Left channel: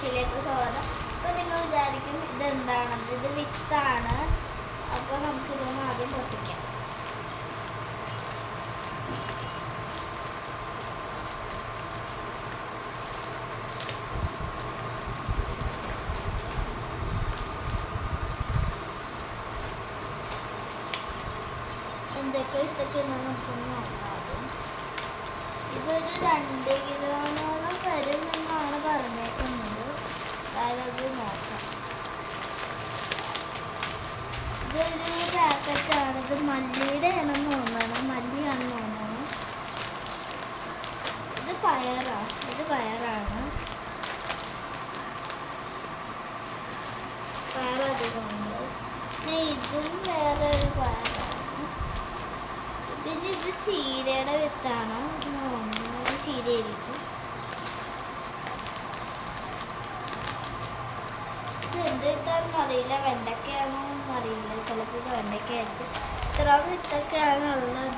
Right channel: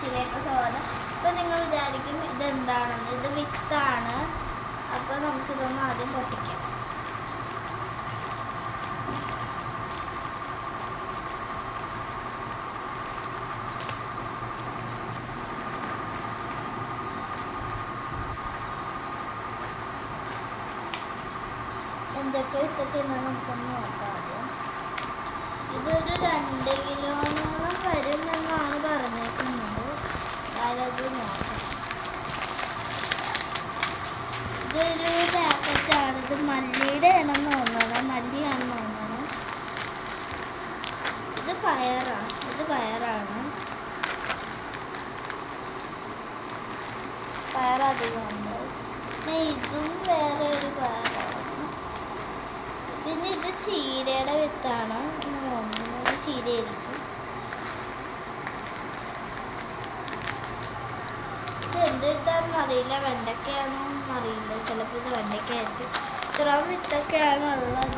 കൊച്ചിലേക്ക് സ്വാഗതം. അപ്പോൾ നിങ്ങൾ വിചാരിക്കും ഇതെന്താണെന്ന്. ഇത് വിത്താണ്. അപ്പോൾ നമുക്കിതൊന്ന് ആദ്യം പൊട്ടിക്കാം. എന്തൊക്കെ നമുക്കൊന്ന് നോക്കാം. ആദ്യം ഇതൊരു 2 കിലോനോളം വരുമെന്നാണ് പറഞ്ഞേക്കുന്നത്. അത് നോക്കാം. ഇതൊരു പാക്കറ്റാണ്. ഇത് മല്ലിയുടെ ആണെന്ന് തോന്നുന്നത്. മല്ലിയാണെന്ന് തോന്നുന്നത്. ഇത് പയറാണ്. പയറധികമുണ്ട്. ഇതും വേറെ ഒരു പയറാണ്. പിന്നെ ഇത് ചീരയുടെ വിത്താണ്. ചീരയായിരിക്കും. ഇത് എന്ത് വിത്താണെന്ന് അറിയില്ല. വെണ്ടയ്ക്കാണോ അറിയില്ല. ചിലപ്പോൾ ഇത് വെണ്ടയ്ക്കായിരിക്കും. ഇത്രയും വിത്തൊക്കെയാണ് ഉള്ളത്.